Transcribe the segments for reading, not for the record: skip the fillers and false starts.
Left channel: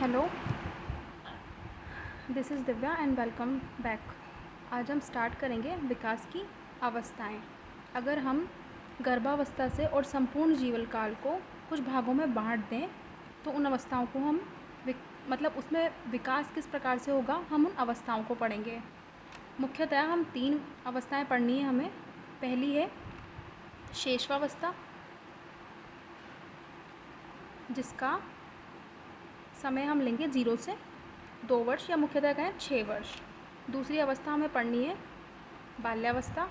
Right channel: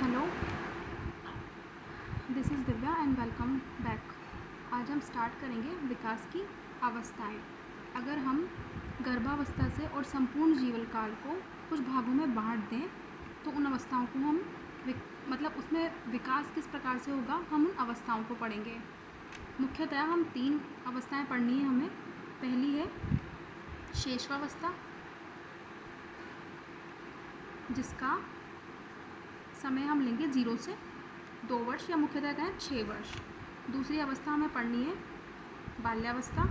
Hello, this is Divya and welcome back. आज हम start करेंगे विकास की अवस्थाएं। अगर हम गर्भावस्था से और संपूर्ण जीवन काल को कुछ भागों में बांट दें तो उन अवस्थाओं को हम मतलब उसमें विकास किस प्रकार से होगा, हम उन अवस्थाओं को पढ़ेंगे। मुख्यतः हम 3 अवस्थाएं पढ़नी है हमें। पहली है शेषवावस्था, जिसका समय हम लेंगे 0 से 2 वर्ष या मुख्यतः कहें 6 वर्ष। दूसरी अवस्था हमें पढ़नी है बाल्यावस्था,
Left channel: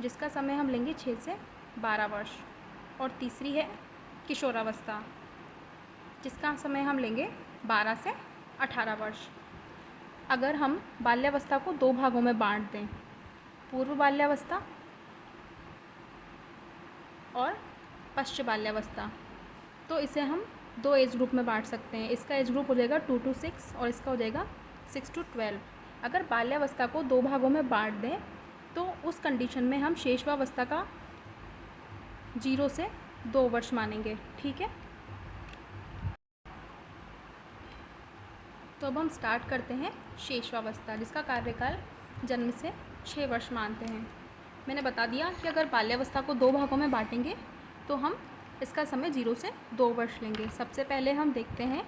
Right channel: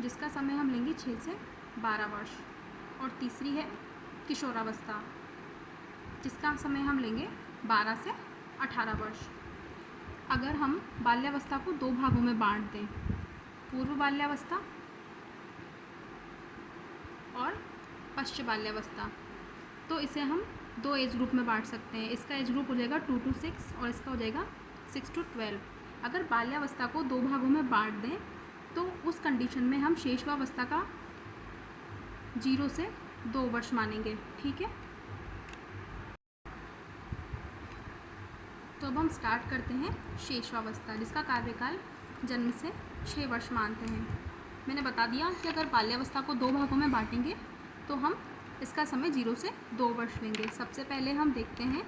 जिसका समय हम लेंगे 6 से 12 वर्ष। और तीसरी है किशोरावस्था, जिसका समय हम लेंगे 12 से 18 वर्ष। अगर हम बाल्यावस्था को 2 भागों में बांट दें, पूर्व बाल्यावस्था और पश्च बाल्यावस्था, तो इसे हम 2 एज ग्रुप में बांट सकते हैं। इसका एज ग्रुप हो जाएगा 2 to 6 और इसका हो जाएगा 6 to 12। अगर बाल्यावस्था को 2 भागों में बांट दें तो उस कंडीशन में हम शेषवावस्था का 0 से 2 वर्ष मानेंगे। ठीक है, तो अब हम स्टार्ट करते हैं शेषवावस्था, जिसका कार्यकाल जन्म से 6 वर्ष मानते हैं। मैंने बता दिया कि अगर बाल्यावस्था को 2 भागों में बांटेंगे तो हम इसका समय 0 से 2 वर्ष लेंगे। सबसे पहले हम देखते हैं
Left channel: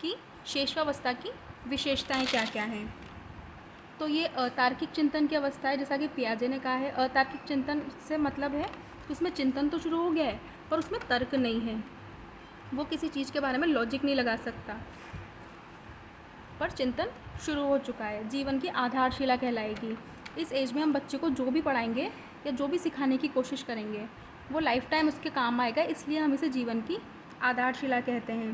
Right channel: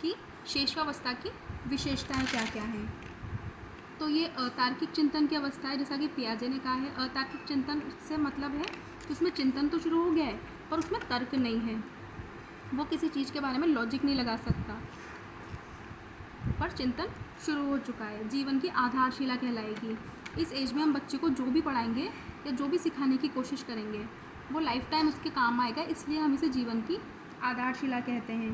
कि शेषवावस्था की विशेषताएं क्या क्या हैं। तो ये अतार्किक चिंतन की अवस्था है, जैसा कि पियाजे ने कहा है। अतार्किक चिंतन से मतलब है कि उसमें चिंतन तो शुरू हो गया है पर उसमें तर्क नहीं है, वो किसी चीज़ के बारे में लॉजिक नहीं लगा सकता, पर चिंतन शुरू हो चुका है। जीवन की आधारशिला कहलाएगी। इस एज में हम बच्चे को जो भी पढ़ाएंगे या जो भी सिखाने की कोशिश करेंगे वो लाइफ टाइम उसके काम आएगा, इसलिए हम इसे जीवन की आधारशिला कहते हैं।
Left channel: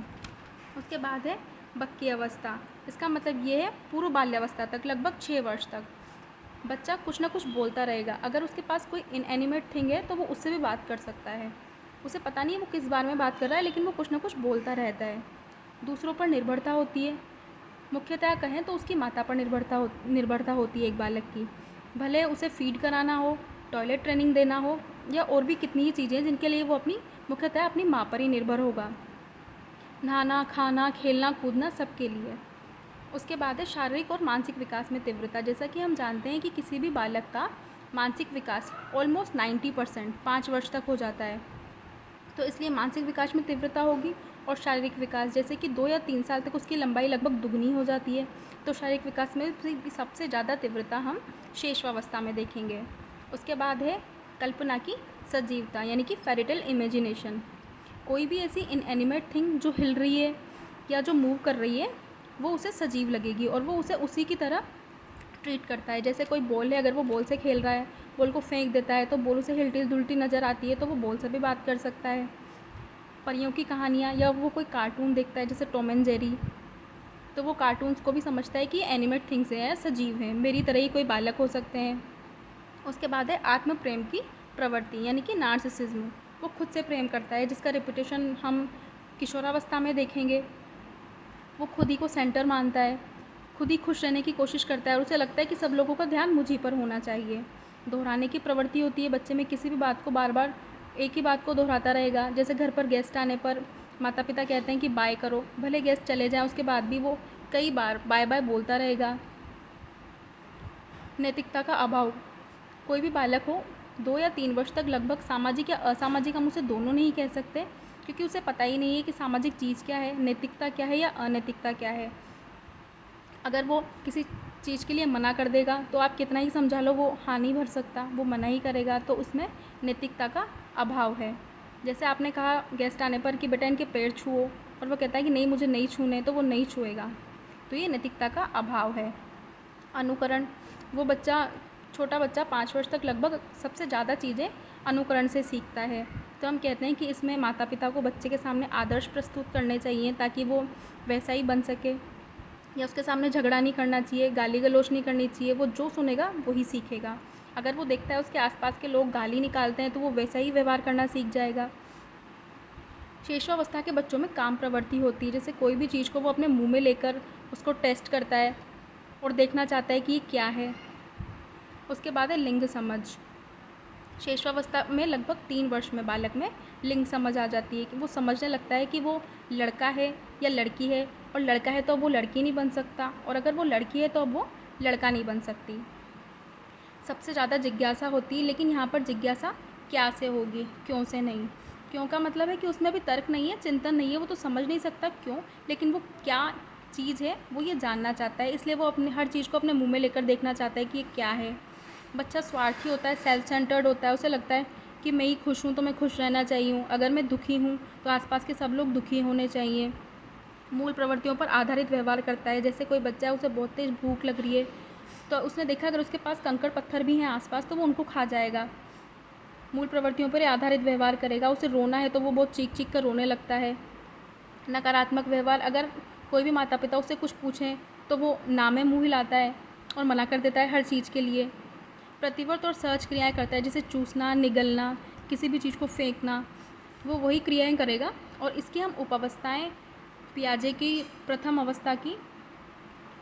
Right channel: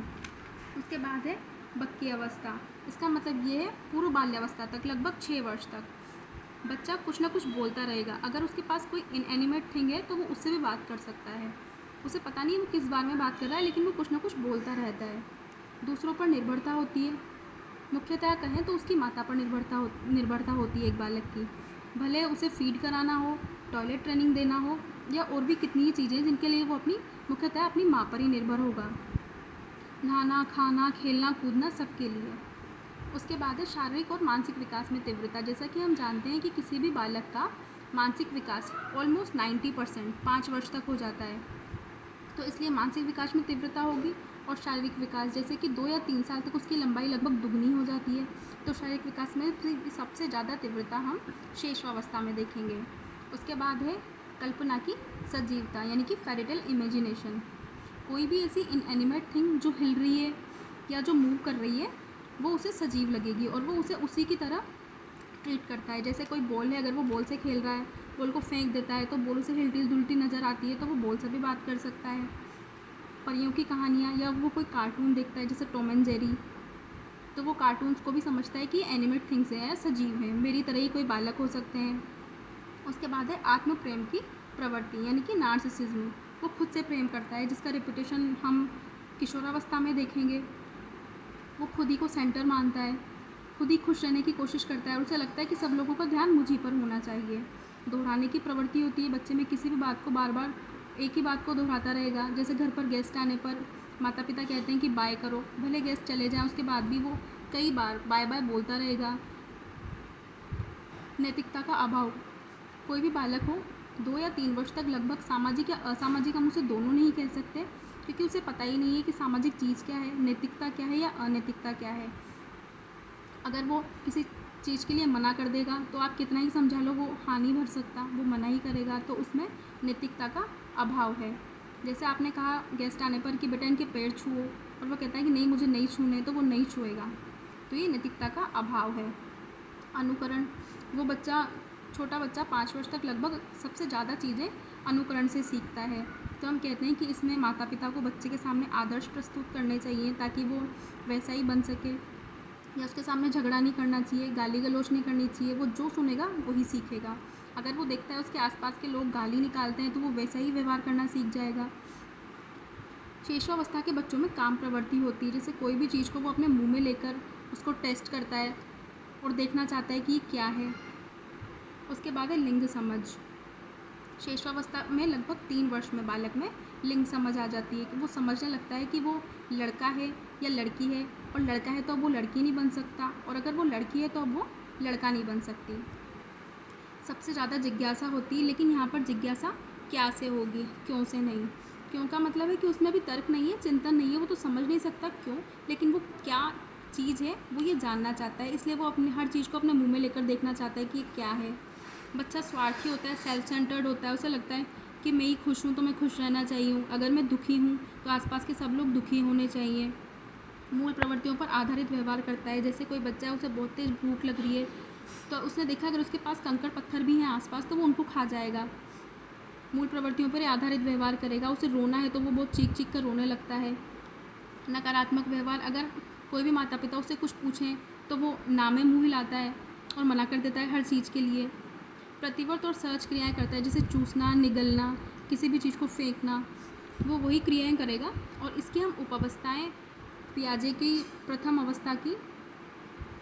उसके बाद है बक्की अवस्था। इसका मतलब ये है पूर्व बाल्यावस्था तक, लगभग 6 वर्ष तक बच्चा कुछ ना कुछ बोलता रहेगा। अगर उसके पास कोई इनएनिमेट थिंग है तो वो उससे भी बात कर सकता है। उसे पता नहीं है वो किस बारे में बात कर रहा है, लेकिन वो कुछ ना कुछ बोलता रहता है। दूसरों पर निर्भरता होती है, मुख्यतः कहें तो उसकी माता पर निर्भरता होती है एक बालक की। भले उसे फीड कराना हो, टॉयलेट ट्रेनिंग देना हो या और भी कितनी ही चीज़ें जिनके लिए वो मुख्यतः अपनी माँ पर ही निर्भर होगा। नहाना, खाना, खेलना, कूदना सबके लिए। उसके बाद है शारीरिक और मानसिक विकास में तीव्रता। जैसा कि हम जानते हैं कि किसी भी बालक का मानसिक विकास ऑलमोस्ट 90% 5 वर्ष तक हो जाता है, तो इसलिए मानसिक विकास में तीव्रता होगी। और शारीरिक विकास, जैसे कि 2 या 3 साल तक उसकी लंबाई लगभग दुगनी हो जाती है, तो शारीरिक विकास में सबसे ज़्यादा तीव्रता हम शेषवावस्था में देखेंगे। उसके बाद है कल्पना की सजीवता, यानी कि फेरिटल इमेजिनेशन। कोई भी ऐसी इनएनिमेट थिंग जो हिल रही है या जो मूव कर रही है वो उसे सजीव लगेगी और वो उसे उसी की तरह ट्रीट करता है। जैसे कोई बॉल है, अगर वो बॉल से खेल रहा है, बॉल को फेंक देता है तो बॉल उसे हिलती जुलती नज़र आती है, तो वो बॉल से भी बात कर सकता है। परियों की कहानियाँ या वो कोई कार्टून देखता है जैसे टॉम एंड जेरी, तो वो कार्टून्स को भी समझता है कि एनिमेट थिंग्स हैं या सजीव हैं, मेरी तरह ही कोई बालक हो सकते हैं। उसके बाद है आत्म प्रेम की प्रवृत्ति, यानी कि नार्सिसिज्म। वो खुद से प्रेम करता है, जिसका रिपीटेशन हम किशोरावस्था में देखेंगे। वो खुद ही को सेंटर मानता है, खुद ही खुश रहने की कोशिश करता है और उसे लगता है कि सब लोगों का ध्यान मुझ ही पर होना चाहिए। दोहराने की प्रवृत्ति होती है बच्चे में, किसी भी बात को बार बार एक ही बात को दोहराता रहेगा। जैसे घर पर गेस्ट आने पर माता पिता कहते हैं कि बाय करो, भले गेस्ट चले जाएं उसके बाद भी वो कई बार बाय बाय बोलता रहेगा। नैतिकता का अभाव। कोई भी बालक हो 2 या 3 वर्ष तक लगभग सामाजिक या असामाजिक, हम उसे दोनों नहीं कह सकते, क्योंकि उसे पता ही नहीं है कि सामाजिक चीज़ क्या है, नैतिकता क्या है या अनैतिकता क्या है। अगर वो किसी चीज़ के लिए मना कर देगा तो आप कितना ही समझा लो वो हाँ नहीं भर सकता, वो मना ही करेगा, तो उसमें नैतिकता का अभाव है। जैसे आपने कहा गेस्ट आने पर कि बेटा इनके पैर छुओ, और वो कहता है कि नहीं मुझे नहीं छूने, तो वो नहीं छुएगा, तो ये नैतिकता का अभाव है। अनुकरण। वो बच्चा, छोटा बच्चा 5 वर्ष तक लगभग सबसे ज़्यादा चीज़ें अनुकरण से सीखता है, तो हम कहते हैं कि इसमें माता पिता को बच्चे के सामने आदर्श प्रस्तुत करने चाहिए ताकि वो वैसा ही बन सके, या उसके सामने झगड़ा नहीं करना चाहिए, गाली गलौज नहीं करनी चाहिए। वो जो सुनेगा वही सीखेगा। अगर वो देखता है उसके आसपास के लोग गाली निकालते हैं तो वो वैसा ही व्यवहार करना सीख जाएगा। शेषवावस्था के बच्चों में काम प्रवृत्ति होती है, जैसे कोई भी चीज़ को वो अपने मुंह में लेकर उसको टेस्ट करता है और देखना चाहता है कि ये क्या है। उसके बाद है लिंग समझ। शेषवावस्था में लगभग 3 वर्ष में बालक में लिंग समझ आ जाती है कि वो समझने लगता है कि वो लड़का है या लड़की है, और लड़का है तो वो लड़की नहीं बन सकता, और अगर वो लड़की है तो वो लड़का नहीं बन सकती। सबसे ज़्यादा जिज्ञासा होती है, लेकिन यहाँ पर जिज्ञासा क्या से होगी, क्यों से नहीं। क्यों का मतलब है कि उसमें भी तर्क नहीं है, चिंतन नहीं है, वो तो समझ नहीं सकता क्यों, लेकिन वो क्या चीज़ है वो ये जानना चाहता है, इसलिए वो अपने हर चीज़ को अपने मुंह में लेकर देखना चाहता है कि ये क्या है। बच्चा स्वार्थी होता है, सेल्फ सेंटर्ड होता है, उसे लगता है कि मैं ही खुश हूँ तो मैं खुश रहना चाहिए हूँ, अगर मैं दुखी हूँ तो आसपास के सब लोग दुखी होने चाहिए। मूल प्रवृत्तियों पर आधारित व्यवहार करता है। जैसे कोई बच्चा है, उसे बहुत तेज़ भूख लग रही है, तो उसने देखा अगर उसके पास कंकड़ पत्थर भी हैं आसपास तो वो उनको खा जाएगा। मूल प्रवृत्तियों पर आधारित व्यवहार करेगा। उसे रोना है तो वो बहुत चीख चीख कर रोने लगता है। नकारात्मक व्यवहार, अगर कोई भी माता पिता उससे कुछ पूछें तो वो ना में मुँह हिलाता है और मना कर देता है हर चीज़ के लिए। प्रतिवर्त और सहज क्रियाएं करता है, जैसे चूसना, निगलना, किसी भी चीज़ को फेंकना, वो वही क्रियाएं करेगा। और इसकी हम उपावस्थाएं पियाजे की प्रथम अवस्था की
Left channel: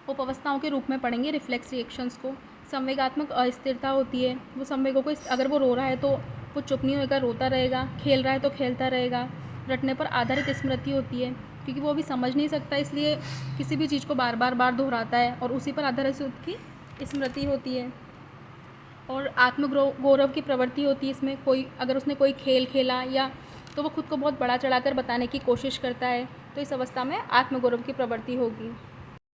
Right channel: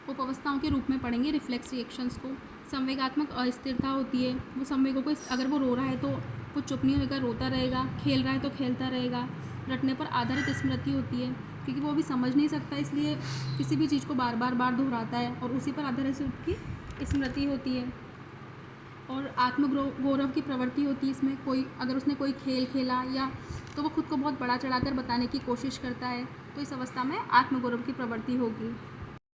उपावस्थाओं के रूप में पढ़ेंगे। रिफ्लेक्स रिएक्शंस को, संवेगात्मक अस्थिरता होती है, वो संवेगों को, अगर वो रो रहा है तो वो चुप नहीं होगा, रोता रहेगा, खेल रहा है तो खेलता रहेगा। रटने पर आधारित स्मृति होती है, क्योंकि वो अभी समझ नहीं सकता, इसलिए किसी भी चीज़ को बार बार दोहराता है और उसी पर आधारित उसकी स्मृति होती है। और आत्मगौरव की प्रवृत्ति होती है इसमें। कोई अगर उसने कोई खेल खेला या तो वो खुद को बहुत बड़ा चढ़ाकर बताने की कोशिश करता है, तो इस अवस्था में आत्मगौरव की प्रवृत्ति होगी।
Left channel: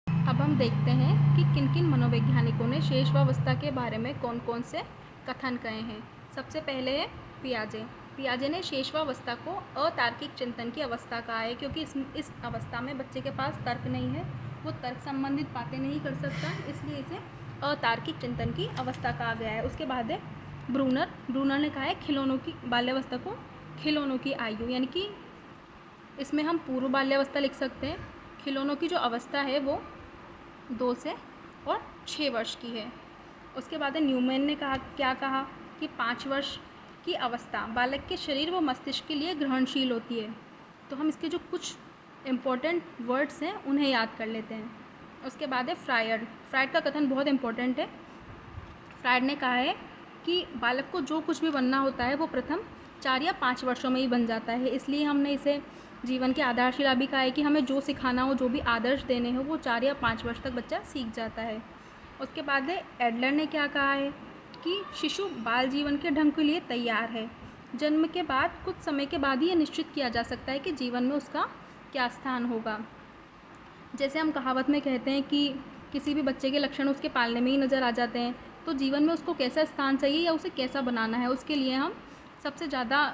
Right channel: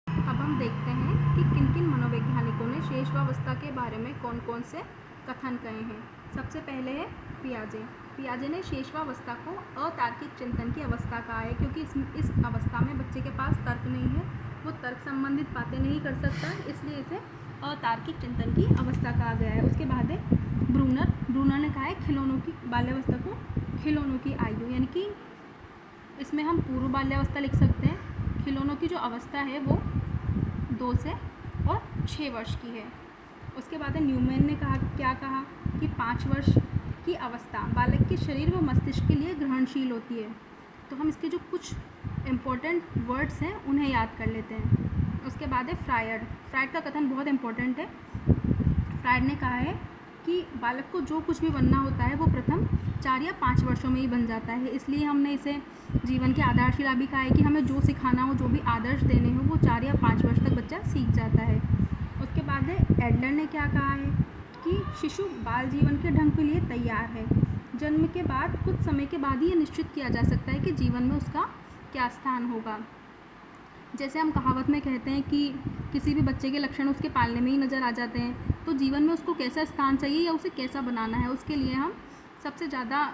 अब हम देखते हैं कि किन किन मनोवैज्ञानिकों ने शेषवावस्था के बारे में कौन कौन से कथन कहे हैं। सबसे पहले है पियाजे। पियाजे ने शेषवावस्था को अतार्किक चिंतन की अवस्था कहा है, क्योंकि इस अवस्था में बच्चे के पास तर्क नहीं है, वो तर्क संबंधित बातें नहीं कर सकता, इसलिए इसे अतार्किक चिंतन की अवस्था कहा गया है। उसके बाद है ब्रूनर ने कहा है खिलौनों की बाल्यावस्था को खिलौनों की आयु, यानी कि इसमें हम पूर्व बाल्यावस्था लिख सकते हैं। खिलौनों की जो अवस्था है वो 2 से और 6 वर्ष की है। उसके बाद न्यूमैन ने क्या कहा कि 5 वर्ष की अवस्था बालक के शरीर व मस्तिष्क के लिए ग्रहणशील होती है। तो हम इसके जो कुछ इम्पोर्टेंट वर्ड्स हैं उन्हें याद कर लेते हैं। उसके बाद है फ्रायड का कथन बहुत इम्पोर्टेंट है। फ्रायड ने कहा है कि बालक को जो कुछ भी बनना होता है वो प्रथम 4 या 5 वर्षों में ही बन जाता है, इसलिए हमने इसे जीवन की आधारशिला भी कहा है कि हमें जो सिखाना हो, जो भी आदर्श देने हो, वो 4 या 5 वर्ष तक बच्चा सीख जाता है। उसके बाद है एडलर ने क्या कहा है कि शिशु बाल जीवन के ढंग के लिए तैयार है। जन्म के बाद कुछ समय के बाद ही ये निश्चित किया जा सकता है कि जीवन में उसका क्या स्थान होगा। जैसे हम कहावत में कहते हैं कि किसी भी बच्चे के लक्षण उसके पालने में ही नज़र आ जाते हैं, तो जीवन में उसको कैसा स्थान चाहिए या उसे कैसा बनाना है, उसके लिए हम सबसे ज़्यादा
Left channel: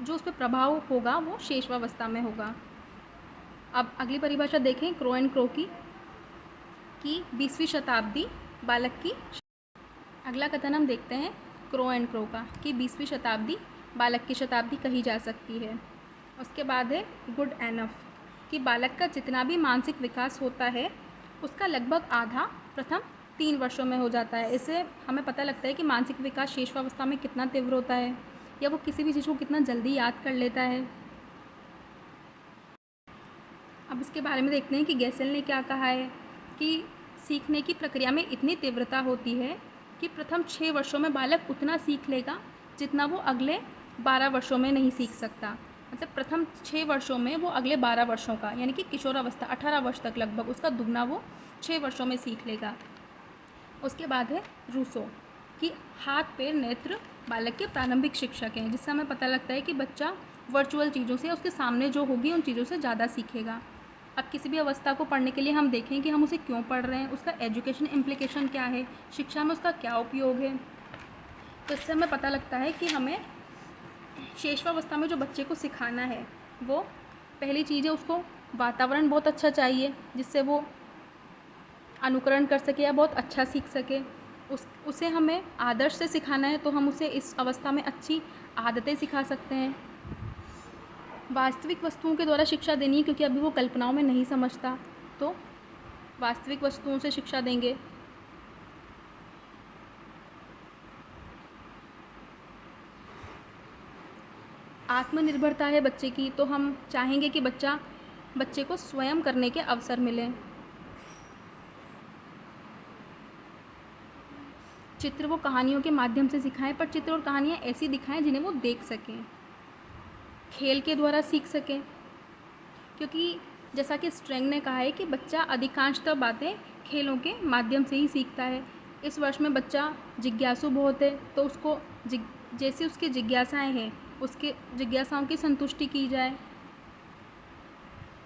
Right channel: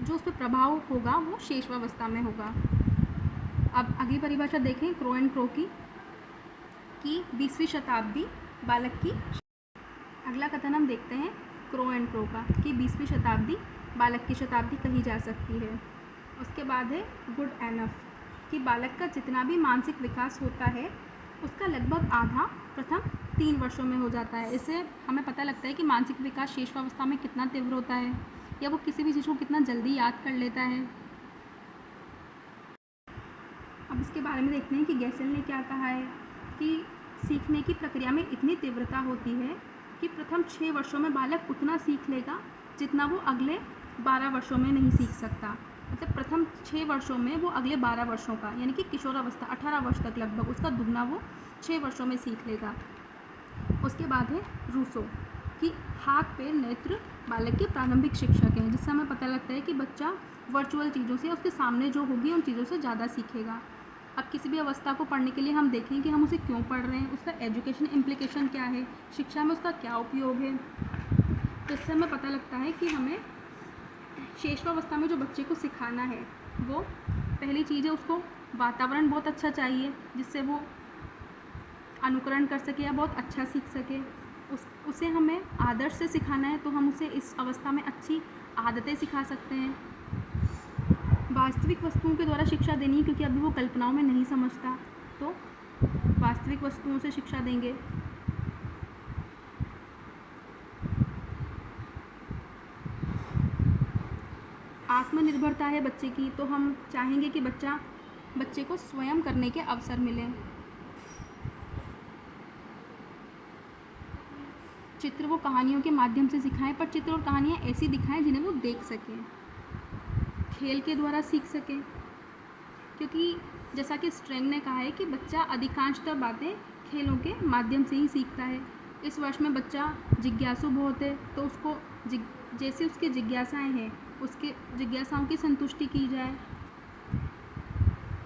जो उस पर प्रभाव होगा वो शेषवावस्था में होगा। अब अगली परिभाषा देखें क्रो एंड क्रो की 20वीं शताब्दी बालक की। अगला कथन हम देखते हैं क्रो एंड क्रो का कि 20वीं शताब्दी बालक की शताब्दी कही जा सकती है। उसके बाद है गुड एनफ कि बालक का जितना भी मानसिक विकास होता है उसका लगभग आधा प्रथम 3 वर्षों में हो जाता है। इससे हमें पता लगता है कि मानसिक विकास शेषवावस्था में कितना तीव्र होता है या वो किसी भी चीज़ को कितना जल्दी याद कर लेता है। अब इसके बारे में देखते हैं कि गैसेल ने क्या कहा है कि सीखने की प्रक्रिया में इतनी तीव्रता होती है कि प्रथम 6 वर्षों में बालक उतना सीख लेगा जितना वो अगले 12 वर्षों में नहीं सीख सकता। मतलब प्रथम 6 वर्षों में वो अगले 12 वर्षों का, यानी कि किशोरावस्था 18 वर्ष तक लगभग उसका दुगना वो 6 वर्षों में सीख लेगा। उसके बाद है रूसो कि हाथ पैर नेत्र बालक के प्रारंभिक शिक्षक हैं, जिससे हमें पता लगता है कि बच्चा वर्चुअल चीज़ों से, उसके सामने जो होगी उन चीज़ों से ज़्यादा सीखेगा। अब किसी भी अवस्था को पढ़ने के लिए हम देखें कि हम उसे क्यों पढ़ रहे हैं, उसका एजुकेशन इम्प्लीकेशन क्या है, शिक्षा में उसका क्या उपयोग है। तो इससे हमें पता लगता है कि हमें शेषवावस्था में जो बच्चे को सिखाना है वो पहली चीज़ है उसको वातावरण बहुत अच्छा चाहिए जिससे वो अनुकरण कर सके या बहुत अच्छा सीख सके। उसे हमें आदर्श से सिखाना है तो हम उसे इस अवस्था में अच्छी आदतें सिखा सकते हैं। वास्तविक वस्तुओं के द्वारा शिक्षा देनी है, क्योंकि अभी वो कल्पनाओं में नहीं समझता, तो वास्तविक वस्तुओं से शिक्षा देंगे। आत्मनिर्भरता है बच्चे की, तो हम चाहेंगे कि बच्चे को स्वयं करने के अवसर मिलें। चित्र वो कहानियों के माध्यम से सिखाएं, पर चित्र और कहानियाँ ऐसी दिखाएं जिन्हें वो देख सकें, खेल के द्वारा सीख सकें। क्योंकि जैसा कि स्ट्रेंग ने कहा है कि बच्चा अधिकांशतः बातें खेलों के माध्यम से ही सीखता है। इस वर्ष में बच्चा जिज्ञासु बहुत है, तो उसको जैसी उसकी जिज्ञासाएं हैं उसके जिज्ञासाओं की संतुष्टि की जाए,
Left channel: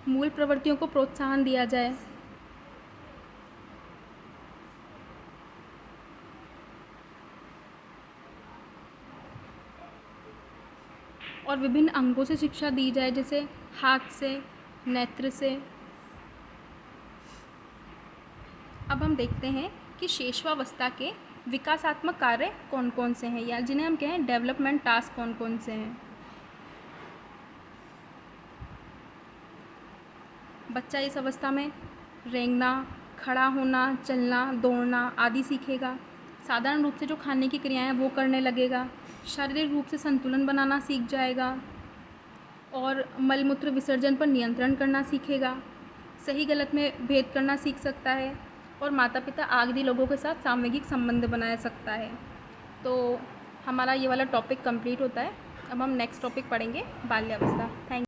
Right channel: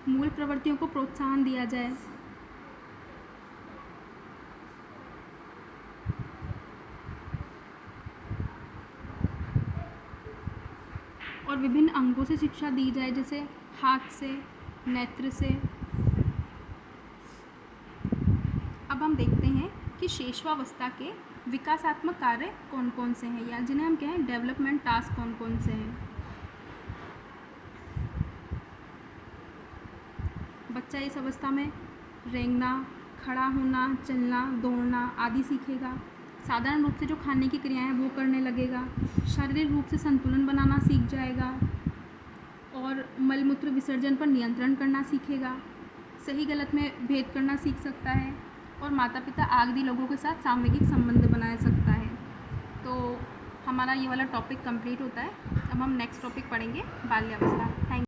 मूल प्रवृत्तियों को प्रोत्साहन दिया जाए। और विभिन्न अंगों से शिक्षा दी जाए, जैसे हाथ से, नेत्र से। अब हम देखते हैं कि शेषवावस्था के विकासात्मक कार्य कौन कौन से हैं, या जिन्हें हम कहें डेवलपमेंट टास्क कौन कौन से हैं। बच्चा इस अवस्था में रेंगना, खड़ा होना, चलना, दौड़ना आदि सीखेगा। साधारण रूप से जो खाने की क्रियाएं वो करने लगेगा। शारीरिक रूप से संतुलन बनाना सीख जाएगा और मल मूत्र विसर्जन पर नियंत्रण करना सीखेगा। सही गलत में भेद करना सीख सकता है और माता पिता आदि लोगों के साथ सामूहिक संबंध बना सकता है। तो हमारा ये वाला टॉपिक कंप्लीट होता है। अब हम नेक्स्ट टॉपिक पढ़ेंगे बाल्यावस्था। Thank you.